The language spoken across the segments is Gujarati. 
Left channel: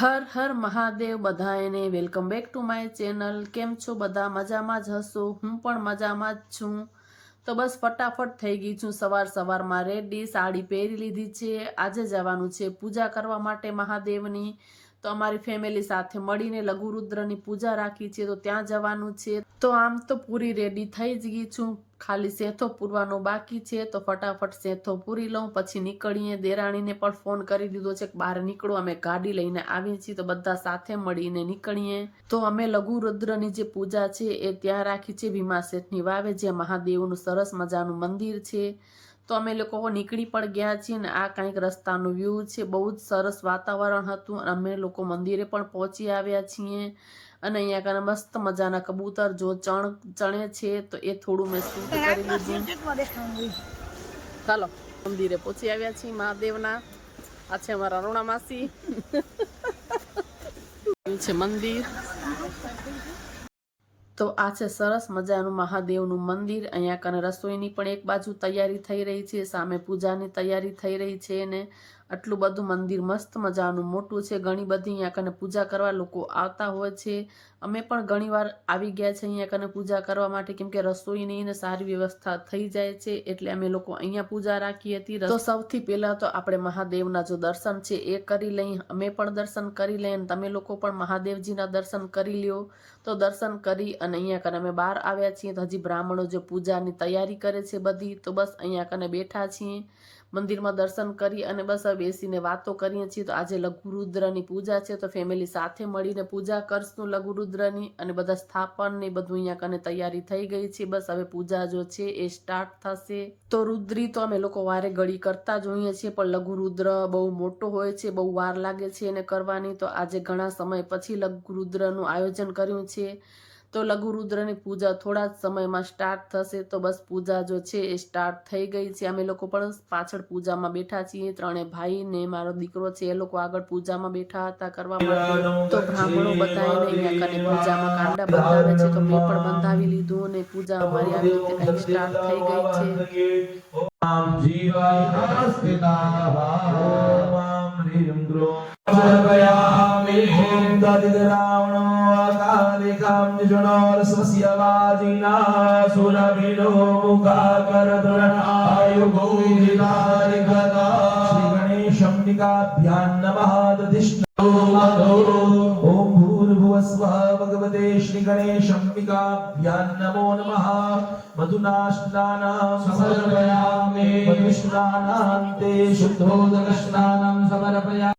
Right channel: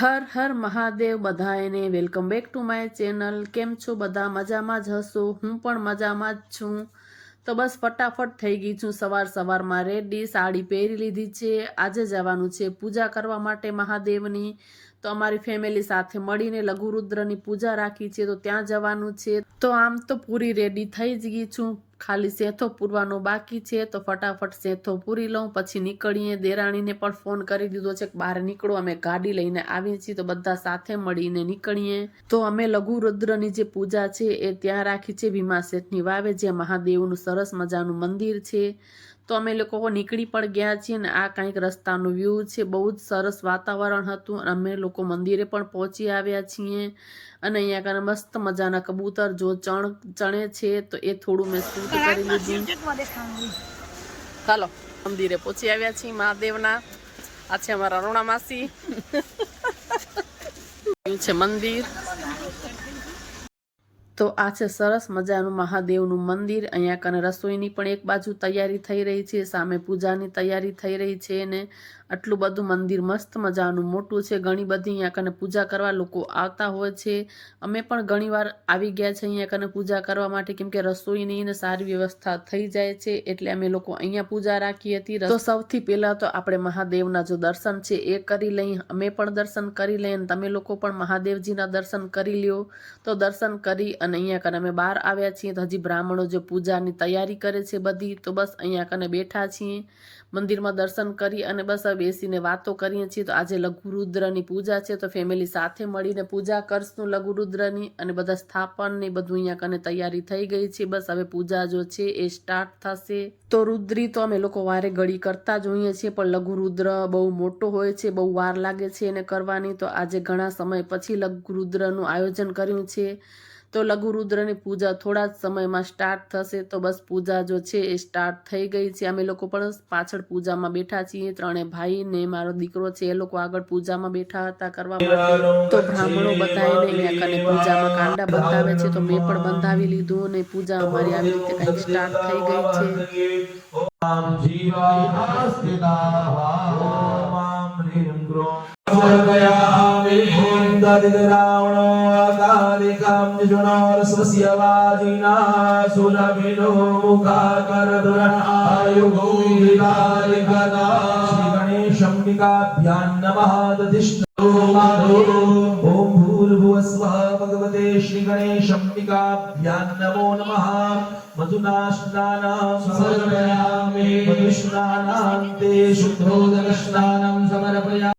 હર હર મહાદેવ બધાને welcome back to my channel. કેમ છો બધા? મજામાં જ હશો? હું પણ મજામાં જ છું. તો બસ ફટાફટ થઈ ગઈ છું સવાર સવારમાં. રેડી સાડી પહેરી લીધી છે. આજે જવાનું છે પૂજા કરવા માટે મહાદેવની. તો અમારી ફેમિલી સાથે મળીને લઘુરુદ્રની પૂજા રાખી છે. તો ત્યાં જવાનું છે. તો આમ તો પૂરી રેડી થઈ જ ગઈ છું. ખાલી સેથો પૂરવાનો બાકી છે, તો ફટાફટ સેથો પૂરી લઉં. પછી નીકળીએ, દેરાણીને પણ ફોન કરી દીધો છે કે બહાર નીકળો. અમે ગાડી લઈને આવીએ છીએ, તો બધા સાથે મળીને નીકળીએ. તો અમે લઘુરુદ્રની જે પૂજા છે, એ ત્યાં રાખી છે, ભીમા શેઠની વાવે જે મહાદેવનું સરસ મજાનું મંદિર છે. તો અમે લોકો નીકળી પણ ગયા છીએ ને આ કંઈક રસ્તાનું વ્યૂ છે. બહુ જ સરસ વાતાવરણ હતું અને અમે લોકો મંદિરે પણ પહોંચી આવ્યા છીએ. અને અહીંયા કને મસ્ત મજાના કબૂતર જો ચણ ચણે છે તો એ થોડું મેં શૂટ કરી લીધું. ચાલો મંદિરે પહોંચી આવ્યા છીએ મહાદેવના. આ છે અમારા અરુણા માસી. છે મંદિર. તો આ છે સરસ મજાનું મહાદેવનું મંદિર. અહીંયા કને રસોઈની પણ એક બાજુ તૈયારી થઈ રહી છે સામે પૂજાની તૈયારી થઈ રહી છે ને આટલું બધું મંદિર મસ્ત મજાનું, મોટું છે, ઘણી બધી અહીંયા કને પૂજા કરવા લોકો આવતા હોય છે. અમે પણ ઘણીવાર આવી ગયા છે અહીંયા કને પૂજા કરવા માટે, કેમ કે રસોઈની ને સારી વ્યવસ્થા થઈ જાય છે, એટલે અમે લોકો અહીંયા પૂજા રાખી હતી. તો સૌથી પહેલા તો આપણે મહાદેવના જો દર્શન છે એ કરી લઈ, અમે પણ દર્શન કરી લઈએ તમે લોકો પણ મહાદેવજીના દર્શન કરી લ્યો. તો દર્શન કરી અને અહીંયા કને અમે બહાર આવ્યા છીએ. તો હજી બ્રાહ્મણો જે પૂજાની તૈયારી કરે છે બધી, તો બસ અહીંયા કને બેઠા છીએ. મંદિરમાં દર્શન કરી અને બસ બેસીને વાતો કરીએ છીએ. તો આજે લઘુરુદ્રની પૂજા છે. તો ફેમિલી સાથે મળીને પૂજા કરશું લઘુરુદ્રની અને બધા સ્થાપનની બધું અહીંયા કને તૈયારી થઈ ગઈ છે. બસ હવે પૂજા જો છે એ સ્ટાર્ટ થશે. તો રુદ્રી તો અમે લોકો વારે ઘડી કરતા જોઈએ છીએ, પણ લઘુરુદ્ર બહુ મોટો હોય છે, બહુ વાર લાગે છે એને કરવાની. તો આજે ઘણા સમય પછી લઘુરુદ્રનું આયોજન કર્યું છે. તો લઘુરુદ્રની પૂજા થોડા જ સમયમાં સ્ટાર્ટ થશે તો બસ પૂજા જો છે એ સ્ટાર્ટ થઈ ગઈ છે. અમે લોકો પણ પાછળ પૂજામાં બેઠા છીએ. ત્રણે ભાઈ ને મારો દીકરો છે, એ લોકો આગળ પૂજામાં બેઠા હતા કરવા માટે. તો બ્રાહ્મણો બધાને અહીંયા કને પૂજામાં કાંડા બંધાવે છે, તો મેં પણ બંધાવી લીધું અને પૂજા અમારી આવી રીતે કંઈક સ્ટાર્ટ થઈ ગઈ છે. ॐ जीवाय स्थिताः ॐ ह्रीं क्रों समर्पयामि ॐ ददिद्रावणो अकालिकां निजुणोरसस्य वाजिना सुरभिनो मुखाकरदुरणायुगो विलालिकदा श्रीगणेशम्बिकाभ्यां नमः दधिष्णो ॐ भूर्भुवस्वः भगवते श्रीगणेशम्बिकाभ्यां नमो नमः मधुना स्नानां समर्पयामि मधुस्नानान्ते शुद्धोदकस्नानं समर्पयामि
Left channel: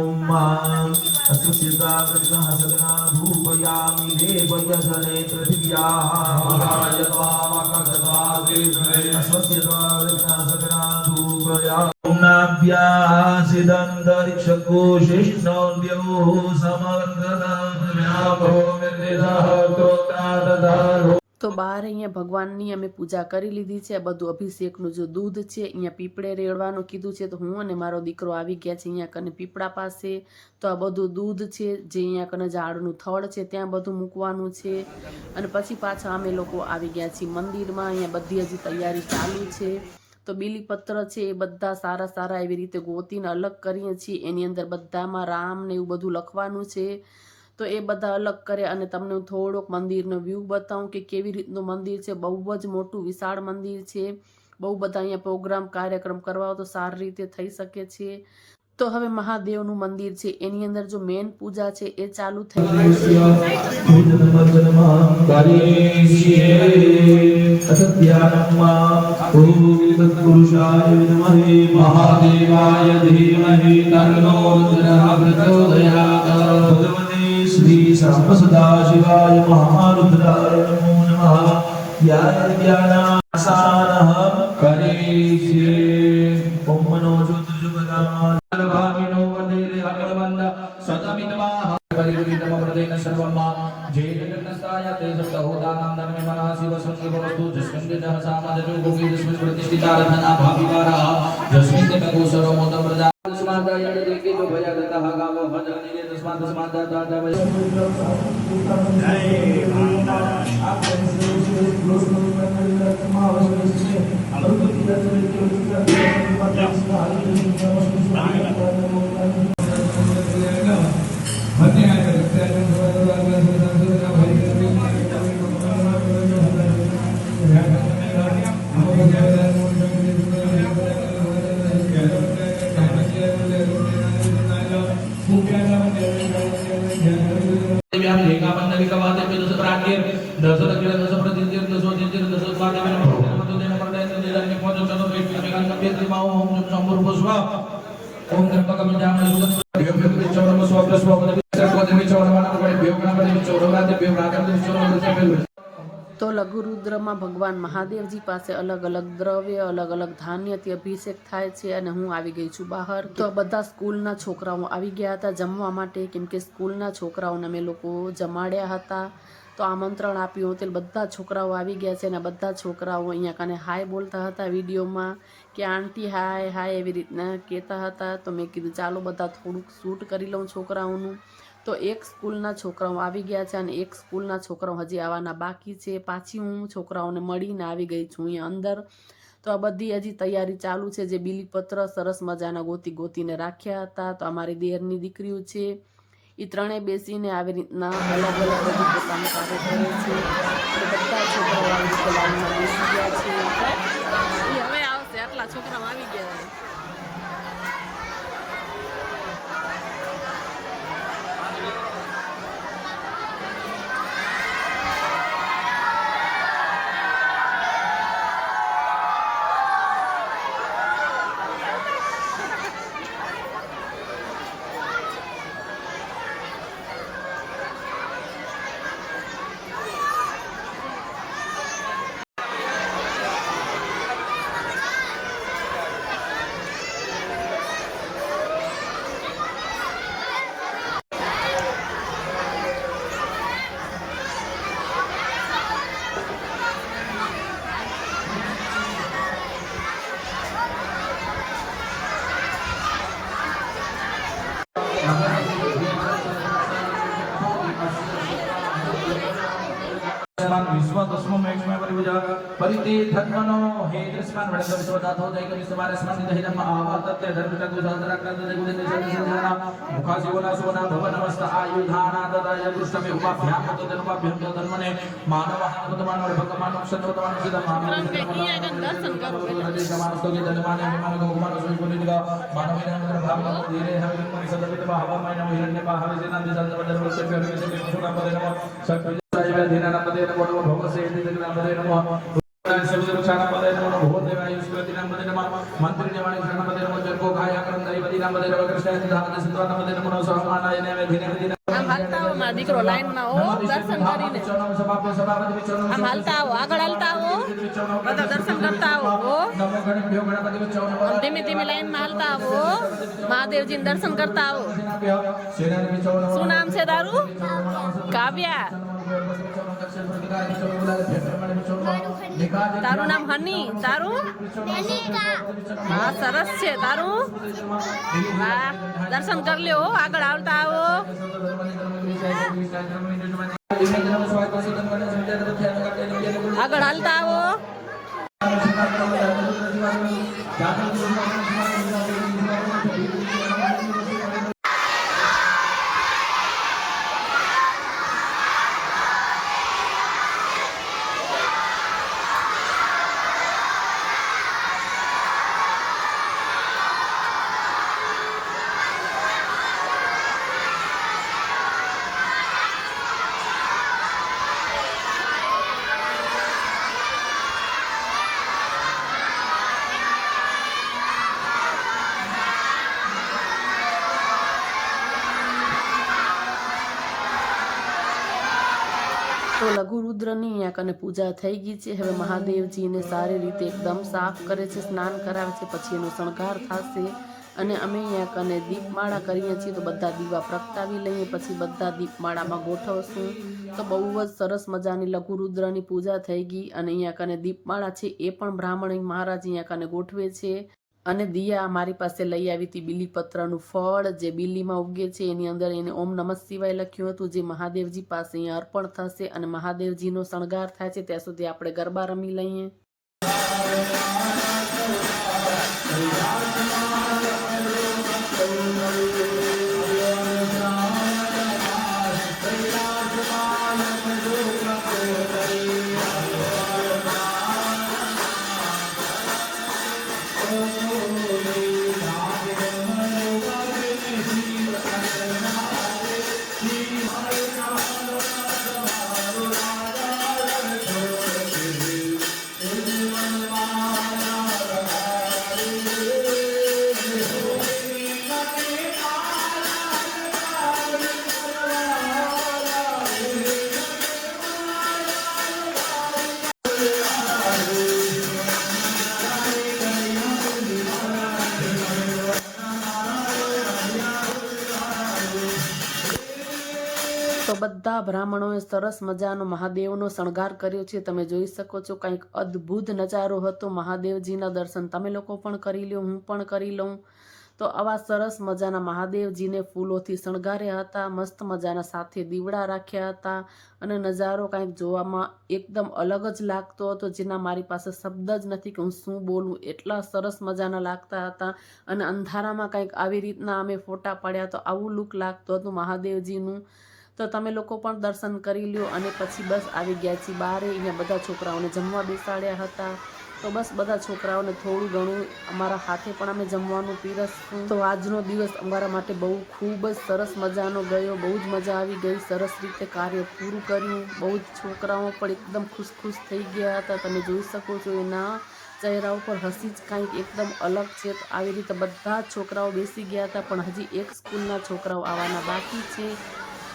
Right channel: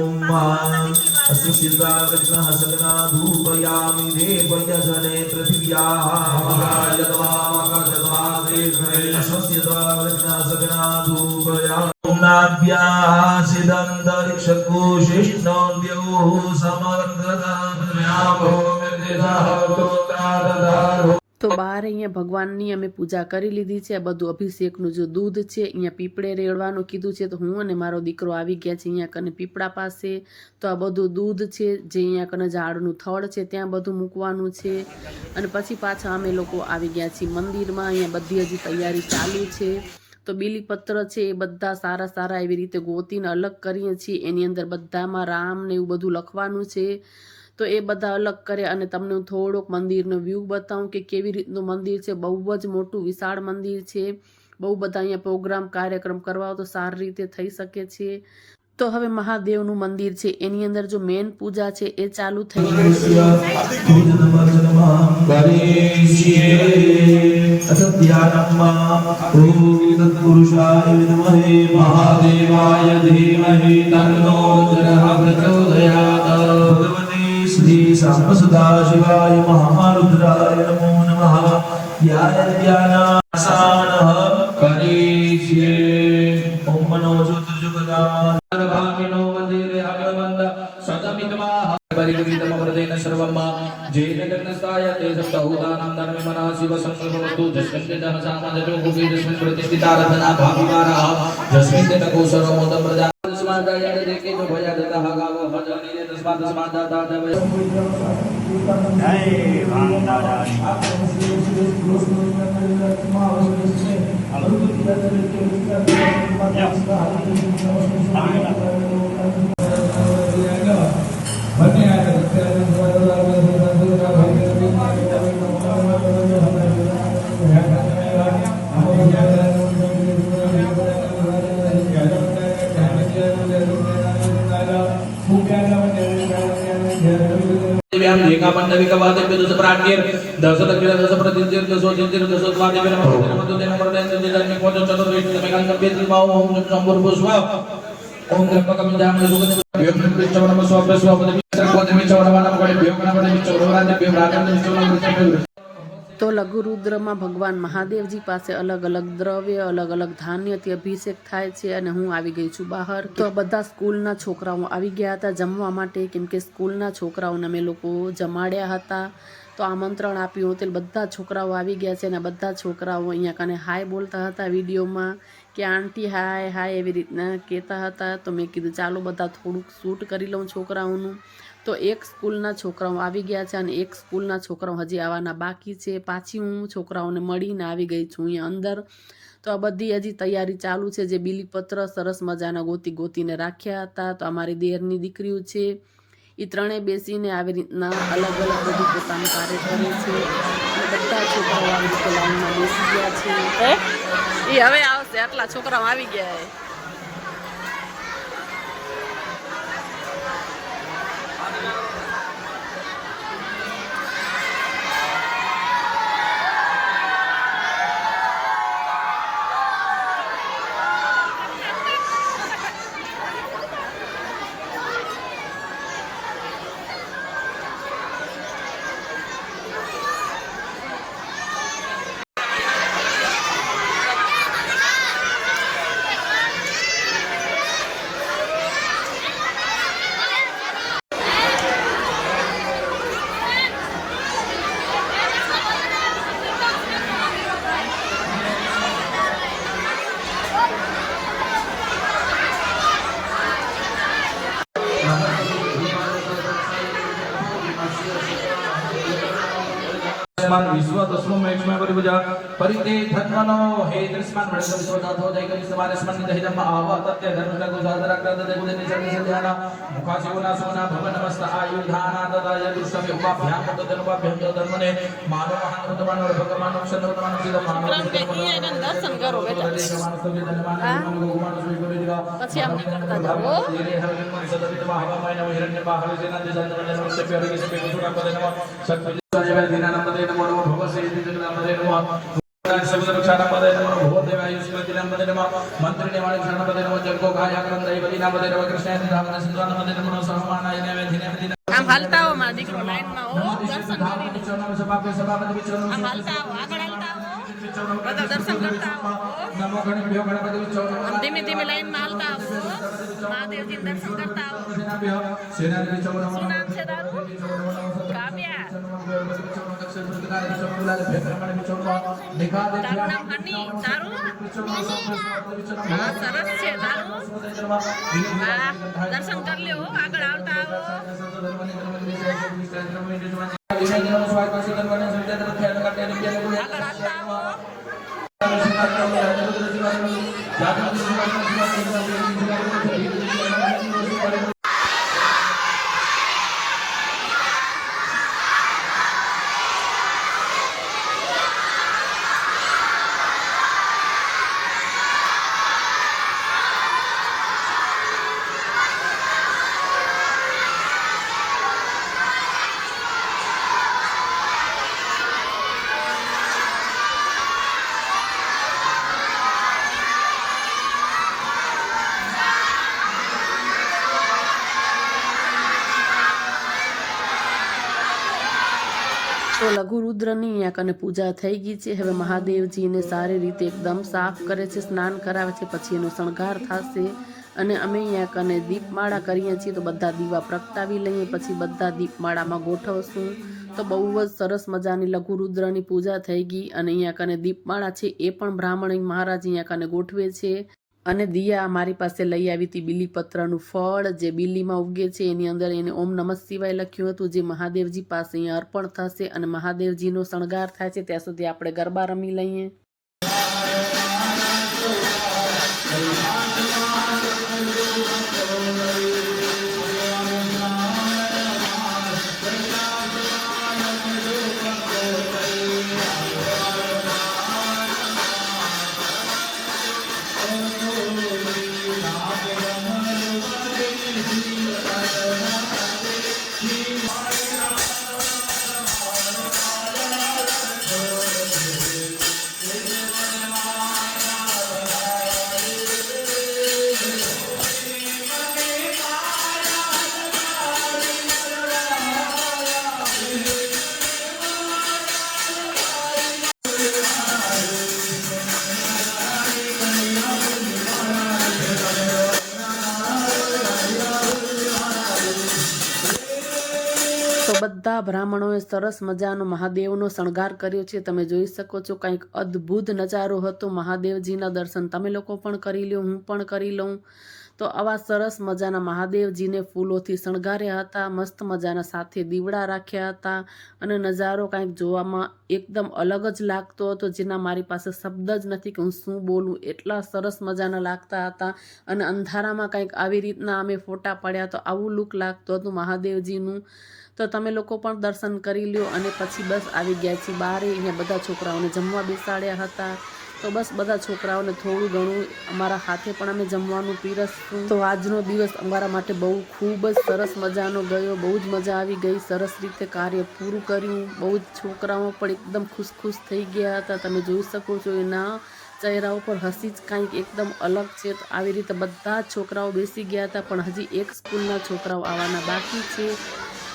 ભગવાનની અમે પૂજા કરી લીધી છે. આ બધું અભિષેકનું જે દૂધ છે, અહીંયા પીપળે રેડવાનું કીધું છે, તો હું અને મારો દીકરો આવી ગયા છે અહીંયા કને પીપળા પાસે. તો આ બધું દૂધ છે, જે અહીંયા કને ઝાડનું થળ છે, ત્યાં બધું મૂકવાનું છે. અને પછી પાછા અમે લોકો આવી ગયા છીએ મંદિરમાં, અહીંયા બધી હજી તૈયારી ચાલુ છે. તો બીલીપત્ર છે, એ બધા સારા સારા એવી રીતે ગોતીને અલગ કરીએ છીએ. એની અંદર બધામાં રામ ને એવું બધું લખવાનું છે. તો એ બધા અલગ કરે અને તમને હું થોડોક મંદિરનો વ્યૂ બતાવું કે કેવી રીતનું મંદિર છે. બહુ જ મોટું, વિશાળ મંદિર છે. બહુ બધા અહીંયા પ્રોગ્રામ કાર્યક્રમ કરવા તો સારી રીતે થઈ શકે છે. તો હવે મહાદેવનું મંદિર છે. એની અંદર જો મેન પૂજા છે એ ચાલુ થઈ ગઈ છે. મહાદેવાય സദാശിവായ മഹാരുദ്രായ നമോ നമ. ധ്യാന ധ്യാന રૂપિયા દસ પર આઠ દસ રૂપિયા દસ પર તેર દસો તેર દસો ત્રણ રૂપિયા પંદર મતો તેર પર તેર તેર રૂપિયા પહોંચો ચલો તો તમે કાંઈ બેથી માવો ઓમ શંભર પુષ્પા ઓમ ત્રંબકમ જામ સુગંધ ભ્યોમ ચવણમ સ્વાભ્ય સ્વાભ્ય ચવણમ ચવણમ ભ્યોમ નમ ભ્યોમ રામ ભ્યોમ રામ ભ્યોમ તો લઘુરુદ્રમાં ભગવાન મહાદેવજી પાસે અલગ અલગ દ્રવ્ય, અલગ અલગ ધાન્યથી અભિષેક થાય છે અને હું આવી ગઈ છું બહાર. તો બધા સ્કૂલના છોકરાઓ આવી ગયા હતા જમવા માટે, કેમ કે સ્કૂલના છોકરાઓને અમે લોકો જમાડ્યા હતા. તો આમંત્રણ આપ્યું હતું બધા છોકરાઓ આવી ગયા છે અને બધા છોકરાઓ અહીંયા કને હાય બોલતા હતા વિડીયોમાં કે, આંટી હાય હાય, એવી રીતના કહેતા હતા. તો મેં કીધું, ચાલો બધા થોડુંક શૂટ કરી લઉં છોકરાઓનું. તો એક સ્કૂલના છોકરાઓ આવી ગયા છે અને એક સ્કૂલના છોકરાઓ હજી આવવાના બાકી છે. પાછી હું છોકરાઓને મળીને આવી ગઈ છું અહીંયા અંદર. તો આ બધી હજી તૈયારી ચાલુ છે જે બીલીપત્ર સરસ મજાના ગોતી ગોતીને રાખ્યા હતા. તો અમારી દેરની દીકરીઓ છે. એ ત્રણેય બેસીને આવી રીતના અલગ અલગ બધું પોતાનું કાર્ય કરે છે. અને બધા છોકરાઓ આવી રીતે લાઈનમાં બેસી ગયા છે. એ હવે આવશે. આટલા છોકરાઓ આવી ગયા Yeah. દૃષ્માન વડે વિશ્વ દાતો દય કરી સવારે સ્મરણ દહિ ધમ્મ આવા તત્ય ધર્મતા ગો સાધર ક્રદ દય ગુણે નિસર્ગ સંધ્યાના મુખાસી ગુના સુના ભવ નમસ્ત આયુધાના તદા યદુષ્ટમે ઉપાભ્યામ તદન ઉપાભ્યામ તદ ધર્મને માનવ હાનવત માનવ ભગવાન અક્ષર ભગવાન સિદ્ધ માનવ દર્શન કરો બેટા પછી આપણે આમ હાલતા આવો દીકરો લાઈન ના હો દર્શન કરીને. આમ હાલતા આવો. આગળ હાલતા આવો દર્શન કરતા આવો. ધીમે ધીમે લાઈનમાં હાલતા આવો. મહાદેવજીને દર્શન કરતા આવો. શું નામ છે તારું? કાવ્યા. તારું નામ હની. તારું? હા, સરસ છે. તારું? દર્શન કરી લ્યો આગળ આવતા આવો. આગળ હાલતા આવો. Thank you. તો લઘુ રુદ્રની અહીંયા કને પૂજા થઈ ગઈ છે. હવે મહાદેવજીને સારી રીતે એકદમ સાફ કરે છે, સ્નાન કરાવે છે, પછી એનો શણગાર થશે. અને અમે અહીંયા કને દીપમાળા કરીએ છીએ તો બધા દીવા પ્રગટાવી લઈએ, પછી બધા દીપમાળામાં ગોઠવશું. તો બહુ જ સરસ મજાની લઘુરુદ્રની પૂજા થઈ ગઈ અને અહીંયા કને દીપમાળા છે. એ પણ બ્રાહ્મણ મહારાજ અહીંયા કને ગોઠવે છે. અને દિયા મારી પાસે લઈ આવી હતી બીલીપત્રનું ફળ, જે બીલીમાં ઉગે છે, એની અંદર એને ઓમ નમઃ શિવાય લખ્યું હતું, જે મહાદેવજી પાસે અહીંયા અર્પણ થશે અને મહાદેવજીનો શણગાર થાય છે, ત્યાં સુધી આપણે ગરબા રમી લઈએ. બધા બ્રાહ્મણોએ સરસ મજાનો મહાદેવનો શણગાર કર્યો છે. તમે જોઈ શકો છો કંઈક અદ્ભુત નજારો હતો મહાદેવજીના દર્શન. તમે લોકો પણ કરી લો હું પણ કરી લઉં. તો આવા સરસ મજાના મહાદેવજીને ફૂલોથી શણગાર્યા હતા, મસ્ત મજાના સાથે દીવડા રાખ્યા હતા અને નજારો કાંઈક જોવામાં એકદમ અલગ જ લાગતો હતો, જેના મારી પાસે શબ્દ જ નથી કે હું શું બોલું. એટલા સરસ મજાના લાગતા હતા અને અંધારામાં કંઈક આવી રીતના અમે ફોટા પાડ્યા તો આવું લુક લાગતું હતું મહાદેવજીનું. તો તમે લોકો પણ દર્શન કરી લ્યો અને પછી બસ આવી ગયા છીએ બારે. અહીંયા બધા છોકરાઓને જમવા બેસાડ્યા હતા. તો બસ બધા છોકરાઓને થોડું ઘણું અમારા હાથે પણ અમે જમવાનું પીરસશું. તો આજનો દિવસ અમારા માટે બહુ ખૂબ જ સરસ મજાનો ગયો. બહુ જ મજા આવી ગઈ. સરસ રીતે કાર્ય પૂરું કર્યું. બહુ જ છોકરાઓ પણ એકદમ ખુશ ખુશ થઈ ગયા હતા. તમે જોઈ શકો છો એના ચહેરા ઉપર હસી જ કાંઈક એકદમ અલગ છે. તો આવી રીતે બધા જ છોકરાઓ બેસી ગયા હતા. પણ હજી એક સ્કૂલના છોકરાઓ આવવાના બાકી છે.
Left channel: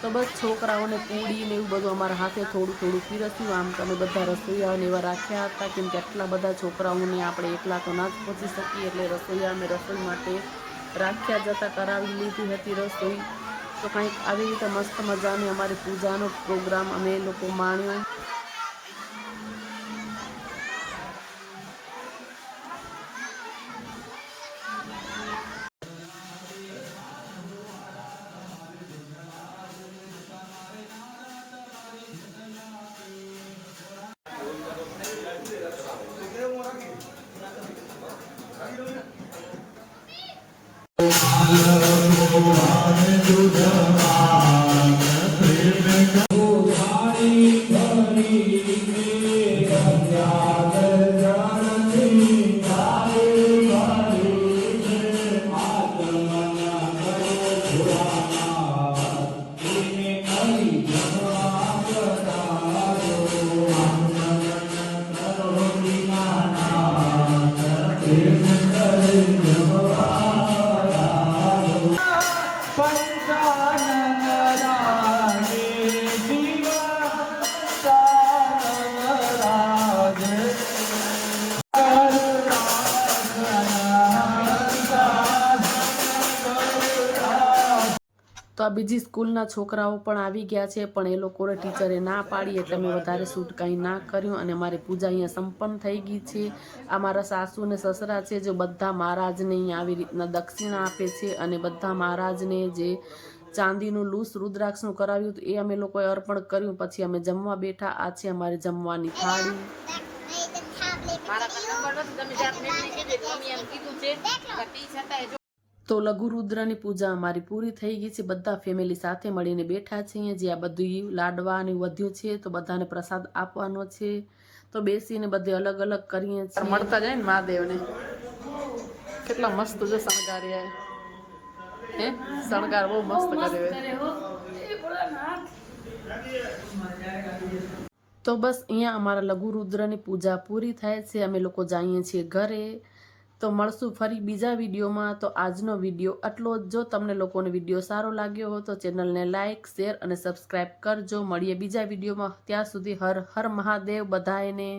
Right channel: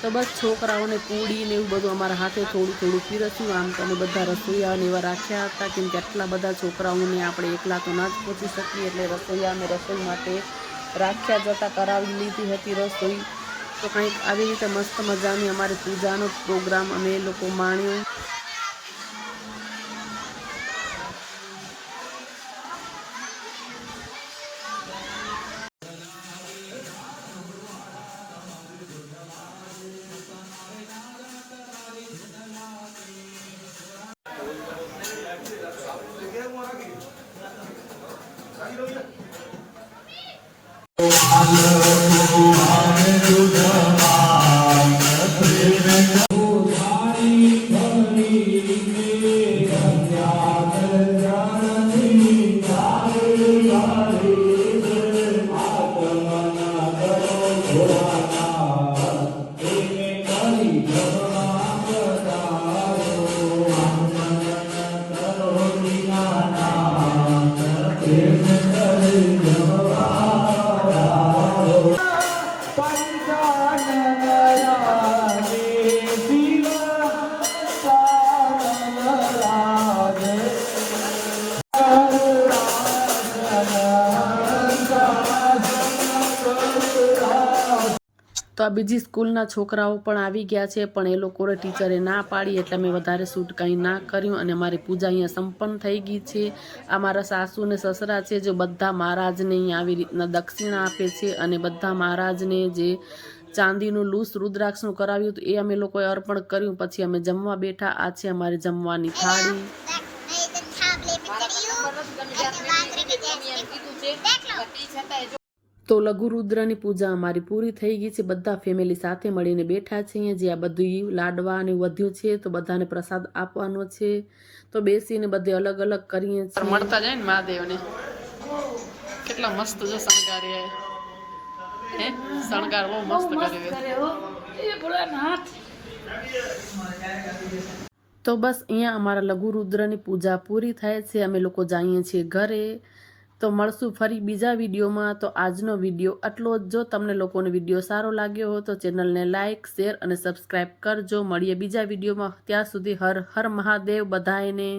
તો બસ છોકરાઓને પૂડી ને એવું બધું અમારા હાથે થોડું થોડું પીરસ્યું. આમ તો અમે બધા રસોઈયાને એવા રાખ્યા હતા કેમ કે આટલા બધા છોકરાઓને આપણે એકલા તો ના જ પહોંચી શકીએ. એટલે રસોઈયા અમે રસોઈ માટે રાખ્યા જતા કરાવી લીધી હતી રસોઈ. તો કંઈક આવી રીતે મસ્ત મજાની અમારી પૂજાનો પ્રોગ્રામ અમે લોકો માણ્યો. તો આ બીજી સ્કૂલના છોકરાઓ પણ આવી ગયા છે, પણ એ લોકોને ટીચરે ના પાડી એટલે મેં વધારે શૂટ કંઈ ના કર્યું અને મારી પૂજા અહીંયા સંપન્ન થઈ ગઈ છે. આ મારા સાસુ ને સસરા છે, જો બધા મહારાજને અહીંયા આવી રીતના દક્ષિણા આપે છે અને બધા મહારાજને જે ચાંદીનું લૂસ રુદ્રાક્ષનું કરાવ્યું હતું, એ અમે લોકોએ અર્પણ કર્યું. પછી અમે જમવા બેઠા, આ છે અમારી જમવાની થાળી. તો લઘુરુદ્રની પૂજા અમારી પૂરી થઈ ગઈ છે. બધા ફેમિલી સાથે મળીને બેઠા છીએ. જે આ બધું લાડવા અને વધ્યું છે તો બધાને પ્રસાદ આપવાનો છે. તો બેસીને બધે અલગ અલગ કરીએ છીએ. મળતા જાય ને મહાદેવને. કેટલા મસ્ત જો શણગાર્યા હે? શણગાર બહુ મસ્ત કર્યો તો બસ અહીંયા અમારા લઘુરુદ્રની પૂજા પૂરી થાય છે. અમે લોકો જઈએ છીએ ઘરે. તો મળશું ફરી બીજા વિડીયોમાં. તો આજનો વીડિયો આટલો જ. જો તમને લોકોને વીડિયો સારો લાગ્યો હો તો ચેનલને લાઇક શેર અને સબસ્ક્રાઈબ કરજો. મળીએ બીજા વિડીયોમાં. ત્યાં સુધી હર હર મહાદેવ બધાયને.